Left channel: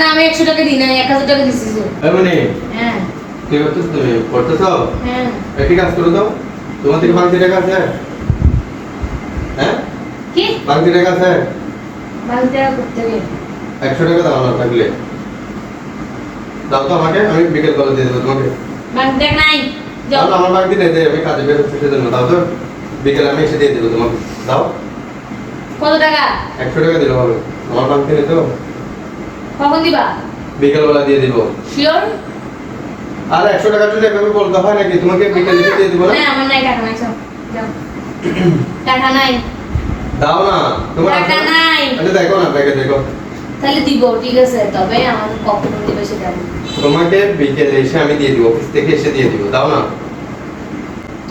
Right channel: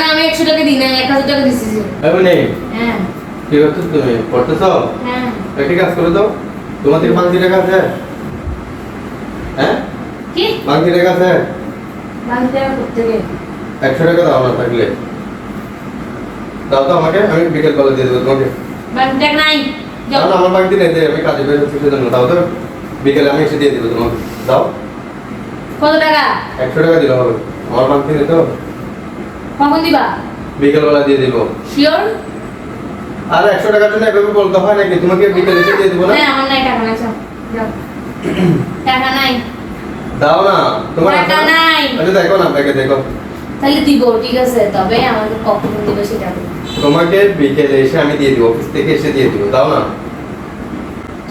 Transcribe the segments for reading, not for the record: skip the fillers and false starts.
না আমি 100 টাকা দিই না 1000 টাকা দিছি যে এমনি হ্যাঁ কি করতেছ তুমি পড়তেছো হ্যাঁ একটি কাজ করে দাও তোমার 5 টাকা আছে হ্যাঁ কি 5 টাকা আছে বাংলা টাকা করতে গেলে 100 টাকা দাও না থাকলে দাও তো আমাকে আমি বিকেল বেলা দিয়ে দেবো তোমাকে বাংলা টাকা নাই যাও দাও আমার বাকি নেই আমি কাজে বের হচ্ছি সেজন্য দাও তো বিকেলে আমি এসে দিয়ে দেবো তোমাকে দাও কত টাকা 100 টাকা দিলে হবে আমার বাকি নেই তো কখন দিবা বিকেল বেলা দিয়ে দেবো শিওর আর 100 টাকার জন্য এভাবে বলতে হয় নাকি তোমাকে বিকেলে এসে দিয়ে দেবো না না আমার নাই টাকা নাই যাও যাও টাকা নাই দাও না তোমার টাকা নাই আচ্ছা দেখো না ব্যাগে দেখো তাহলে দিব ঠিক আছে তবে আমাকে কখন দিবে সেটা বলো তোমাকে বিকেলে এসে আমি দিয়ে দিব অফিস থেকে এসে দিয়ে দিব দাও না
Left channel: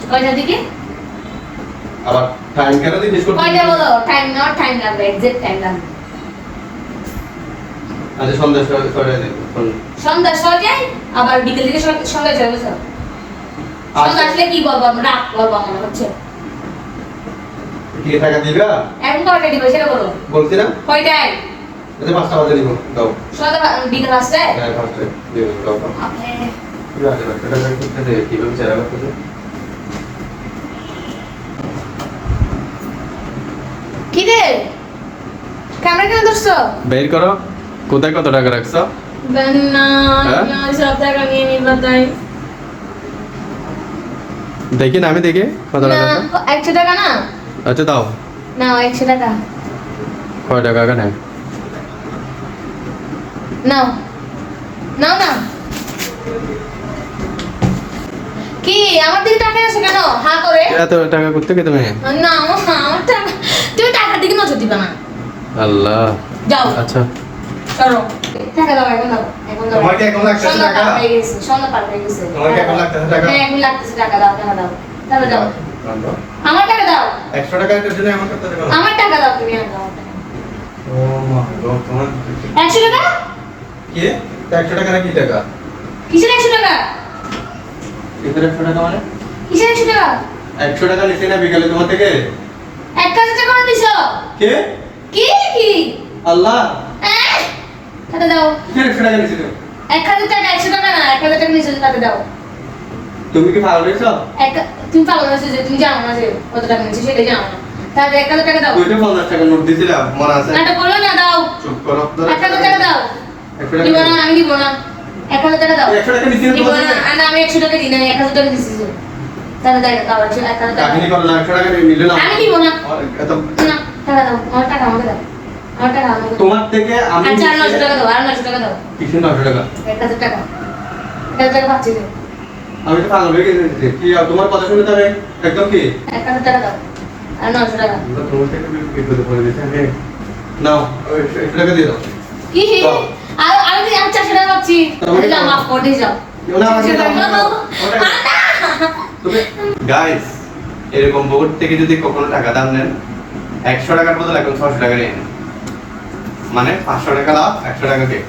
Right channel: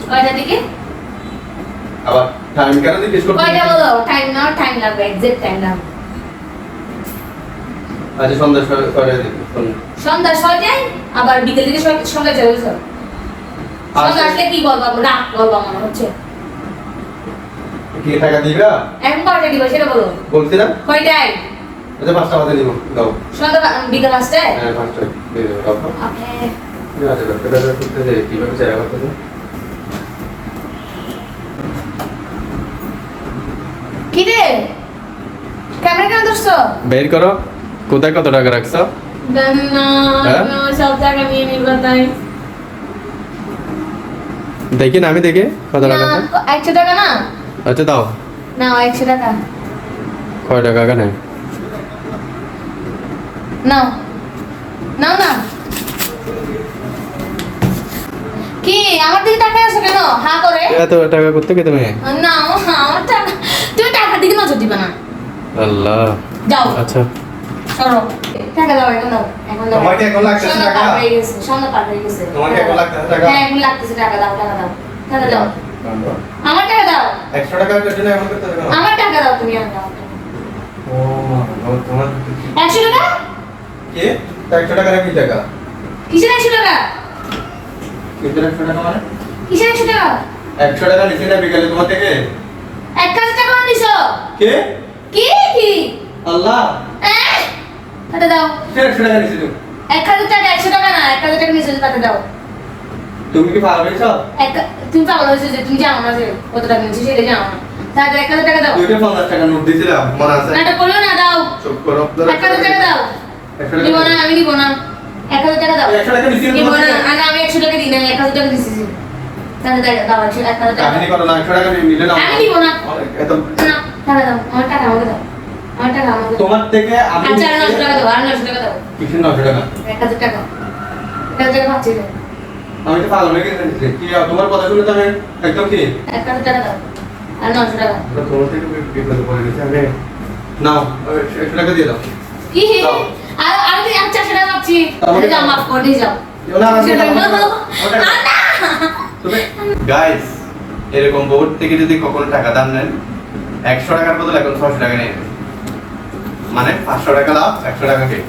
কয়টা দিকে আবার টাইম কেন জিজ্ঞেস করছো কয়টা বলো টাইম লাগবে এক্সাক্ট টাইম লাগবে আচ্ছা সন্ধ্যা করে দিন সন্ধ্যা 6টায় আবার বিকেল থেকে সন্ধ্যা চলে গেছে সন্ধ্যা আসলে কি বলবো রাত বলবো মনে হচ্ছে কি টাকা দিবা এখন কয়টা দিবে সেটা বলো বলছি না কয়টায় আচ্ছা 5টা বাজে দিব দাও সন্ধ্যা বিকেল আসছে হ্যাঁ 5টা দিয়ে দাও দাও আপনি আচ্ছা টাকা করতে দে কি করে চারা করতে কি রে ক্যামেরা কেন ধরছো বের করো কোথায় কত টাকা রাখছো না হ্যাঁ? সব টাকা নিয়ে নিবা তাই দেখি না আমি দেখি কত টাকা আছে 100 টাকা না আচ্ছা দাও নাও 100 টাকা কয় টাকা কেন নাও নাও না কি আমার দিকে টাকা আছে কেন হা করে এত টাকা করতে কে তুমি না আমার টাকা তুমি টাকার দিকে নজর দিবা না আল্লাহ যাও আচ্ছা সরো টাকা দাও এখন দাও তোমাকে এখন লাগতেছে সন্ধ্যা টাকা? পার হয়ে গেছে সন্ধ্যা পার হয়ে গেছে তোমাকে এখন লাগতেছে টাকা? হ্যাঁ এখন লাগতেছে টাকা দাও টাকা দাও আমার টাকা দাও 100 টাকার জন্য এমন করতে হবে আমার টাকা দাও তুমি আর দাও ও মা গো তোমার 100 টাকা কি 100 টাকা না কি টাকা কিসের 100 টাকা কিসের 100 টাকা মানে কিসের 100 টাকা 100 টাকা নিছি না বিকালে তোমার থেকে 1000 টাকা দিছো কে কি আল্লাহ টাকা দাও কিসের 100 টাকা নিছি তুমি 1000 টাকা 100 টাকা না 1000 টাকা নিছো টাকা দাও তুমি কি পাগল হয়েছো তুমি পাগল হয়েছো যে তুমি জানো না যে কত টাকা নিচ্ছি সেটা জানো না তাহলে 1000 টাকা দাও ওইটা 50 টাকা নোট দিছিলাম মনে আছে না এটা বললো না দাও চুপ করো 1000 টাকা দাও 100 দিব টাকা না আমি দিব না 1000 টাকা দাও 100 টাকা নিছি দিব না আর আমি 100 টাকা দিই না 1000 টাকা দিছি তাহলে দাও 1000 টাকা কাহিনী করো না 100 টাকা নিলে না আমি দিব না এত না টাকা দাও আমার টাকা আমাকে দাও আমার টাকা আমাকে দাও তোমার থেকে আমি আচ্ছা 900 টাকা দাও আর 900 টাকা দাও কিসের 900 টাকা 1000 টাকা 1000 টাকা পাচ্ছি না আমি তো পাগল হয়ে গেছি কি তোমার কথা শুনে তো আমি একদম কি 1000 টাকা দাও আর 900 টাকা তোমার থেকে বিপদে পড়ে গেছি আমি নাও 100 টাকা দিয়ে দাও কি দাও। আর আমি 400 টাকা পাচ্ছি আমাকে যাও দাও। মাফ করে দিয়ে যাও না আমাকে দাও, আমাকে দাও। তুমি গাইস এরকম বোর্ড থেকে যদি কখনো টাকা দাম নেন 100 টাকার বদলে এখন 600 টাকা নিয়ে নেন। মানে 500 টাকা লাভ 100 টাকা কে